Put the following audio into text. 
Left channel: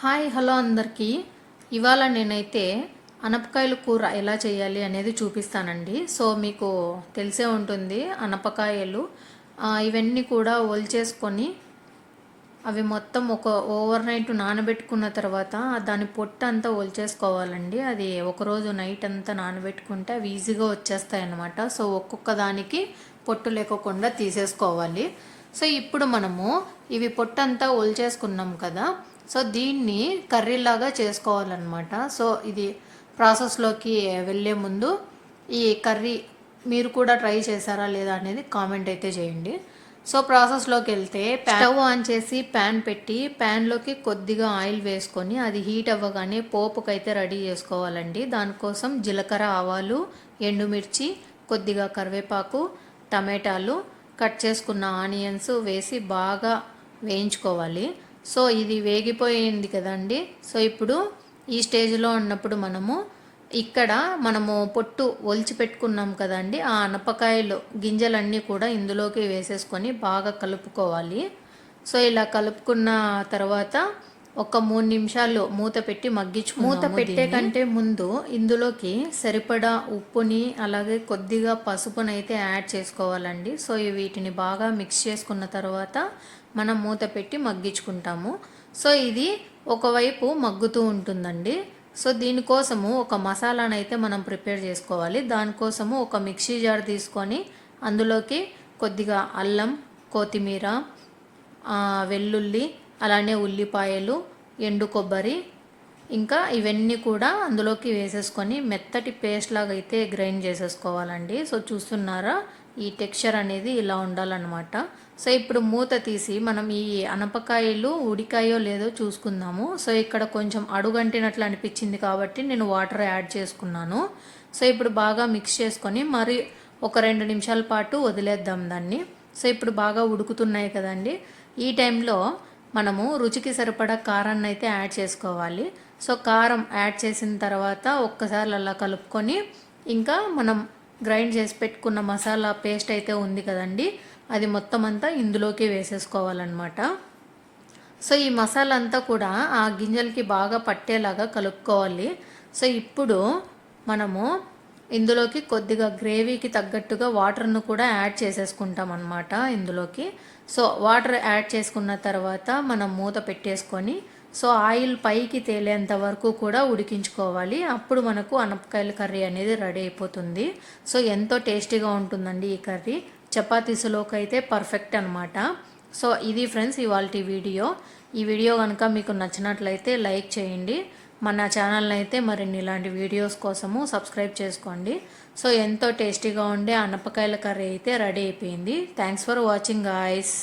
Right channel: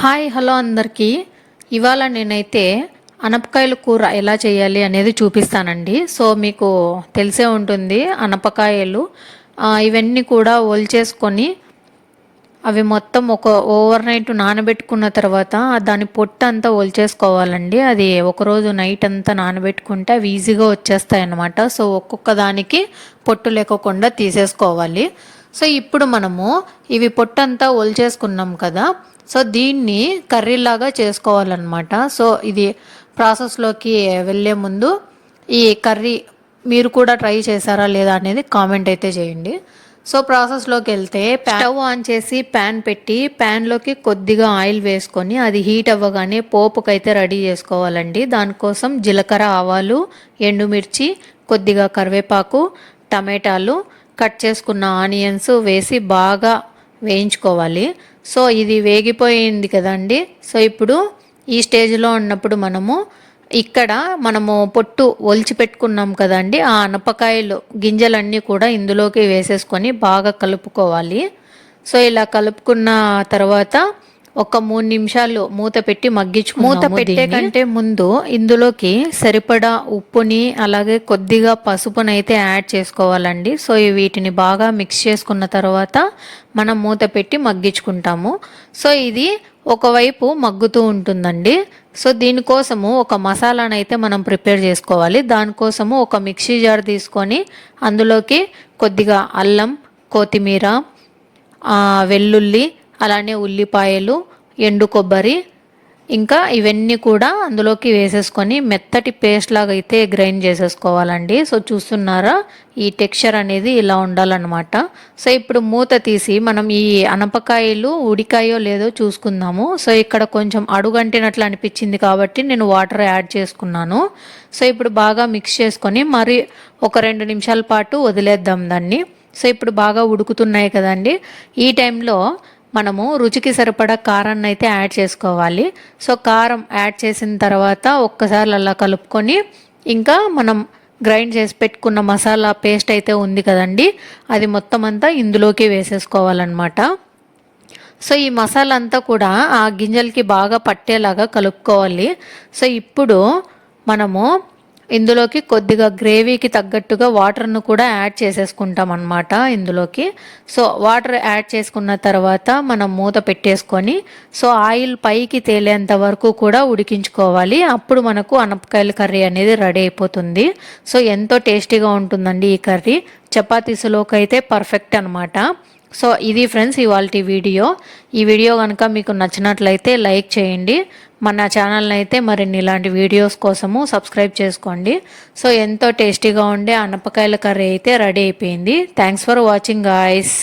Hi hello అందరికీ. ఇవాళ నేనైతే అనపకాయల కూర ఎలా చేయాలి అనేది చూపిస్తానండి. సో మీకు తెలిసే ఉంటుంది అనపకాయలు ఇవన్నీ కూడా ఒలిచేసుకొని అవి మొత్తం ఒక ఓవర్ నైట్ నానబెట్టుకున్న తర్వాత దాని పొట్టు అంతా ఒలిచేసుకోవాలండి. అది ఒకరోజు నైట్ అంతా నానబెట్టుకుంటే అవి ఈజీగా వచ్చేస్తాయి అన్నమాట. సో ఒక్కొక్క దానికి పొట్టు లేకోకుండా తీసేసుకోవాలి. సో ఇప్పుడు మనము ఇవి పొట్టంతా ఒలిచేసుకున్నాం కదా, సో దీన్ని కర్రీలాగా చేసుకోవాలన్నమాట. సో ఇది ప్రాసెస్లోకి వెళ్ళే ముందు ఈ కర్రీ మీరు కూడా ట్రై చేశారా లేదా అనేది కామెంట్ అయితే చేయండి. సో ప్రాసెస్లోకి వెళ్తే స్టవ్ ఆన్ చేసి ప్యాన్ పెట్టి ప్యాన్లోకి కొద్దిగా ఆయిల్ వేసుకొని అది హీట్ అవ్వగానే పోపుకైతే రెడీ చేసుకోవాలండి. దానికోసం జీలకర్ర, ఆవాలు, ఎండుమిర్చి, కొద్దిగా కరివేపాకు, టమాటాలు, కట్ చేసుకున్న ఆనియన్స్ వేసి బాగా వేయించుకోవాలి. సో ఇది వేగిపోయింది కదండి. సో ఇప్పుడు ఈ స్టేజ్లో ఉన్నప్పుడు మనము పొట్టు ఒలిచి పెట్టుకున్నాం కదండి, ఆ అనపకాయలు గింజలన్నీ కూడా ఇందులోకి వేసేసుకొని బాగా కలుపుకోవాలి. సో ఇలా కలుపుకున్న తర్వాత ఒక 3 నిమిషాలు మూత పెట్టి మూత పెట్టే కంటే ముందు ఇందులోకి సరిపడా ఉప్పుని అలాగే కొద్దిగా పసుపునైతే యాడ్ చేసుకోవాలండి. సో వీటిని బాగా మిక్స్ చేసుకున్న తర్వాత మనం మూత పెట్టి మగ్గించుకుంటాము. సో ఇది ఒకవైపు మగ్గుతూ ఉంటుందండి. సో దీనికోసము ఒక మసాలానైతే మనం ప్రిపేర్ చేసుకోవాలి. దానికోసము ఒక మిక్సీ జార్ తీసుకొని అందులోకి కొద్దిగా అల్లం, కొత్తిమీర, వెల్లుల్లి, అలానే ఉల్లిపాయలు, ఎండు కొబ్బరి, ఇంకా ఇవన్నీ కూడా అందులోకి వేసేసుకొని మెత్తటి పేస్ట్ లాగా అయితే గ్రైండ్ చేసేసుకోవాలండి. సో చూస్తున్నారా, ఈ టెక్స్చర్ అనేది ఇలా ఉండాలన్నమాట. సో ఇప్పుడు మూత తీసి మనం ఈ అనపకాయలు ఉడికాయో లేదో చూసుకుందాము. సో ఇక్కడ కొంచెం అడుగంటినట్లు అనిపించింది కాబట్టి నేను వాటర్ యాడ్ చేసుకున్నాను. సో ఇప్పుడు బాగా మిక్స్ చేసుకొని మరి ఒక 2 నిమిషాల పాటు వదిలేద్దాం దాన్ని. సో ఇప్పుడు బాగా ఉడుకుతున్నాయి కదండి, ఈ టైంలో మనము రుచికి సరిపడా కారాన్ని అయితే యాడ్ చేసుకోవాలి. సో కారం యాడ్ చేసిన తర్వాత ఒక్కసారి అలా కలుపుకొని ఇంకా మనం గ్రైండ్ చేసి పెట్టుకున్న మసాలా పేస్ట్ అయితే ఉంది కదండి, అది మొత్తం అంతా ఇందులోకి వేసేసుకోవాలన్నమాట. సో ఈ మసాలా అంతా కూడా ఆ గింజలకి బాగా పట్టేలాగా కలుపుకోవాలి. సో ఇప్పుడు మనము ఇందులోకి కొద్దిగా గ్రేవీకి తగ్గట్టుగా వాటర్ను కూడా యాడ్ చేసేసుకుంటాం అన్నమాట ఇందులోకి. సో వాటర్ యాడ్ చేసుకున్న తర్వాత మనం మూత పెట్టేసుకొని సో ఆయిల్ పైకి తేలేంత వరకు కూడా ఉడికించుకోవాలి. అప్పుడు మనకు అనపకాయల కర్రీ అనేది రెడీ అయిపోతుంది. సో ఎంతో టేస్టీగా ఉంటుందండి ఈ కర్రీ. చపాతీస్లోకి అయితే పర్ఫెక్ట్ అనమాట. సో ఇది ఫ్రెండ్స్ ఇవాల్టి వీడియో. ఈ వీడియో కనుక మీకు నచ్చినట్లయితే లైక్ చేయండి. మన ఛానల్ని అయితే మరిన్ని ఇలాంటి వీడియోస్ కోసము సబ్స్క్రైబ్ చేసుకోండి. సో ఎంతో టేస్టీగా ఉండే అనపకాయల కర్రీ అయితే రెడీ అయిపోయింది. Thanks for watching guys.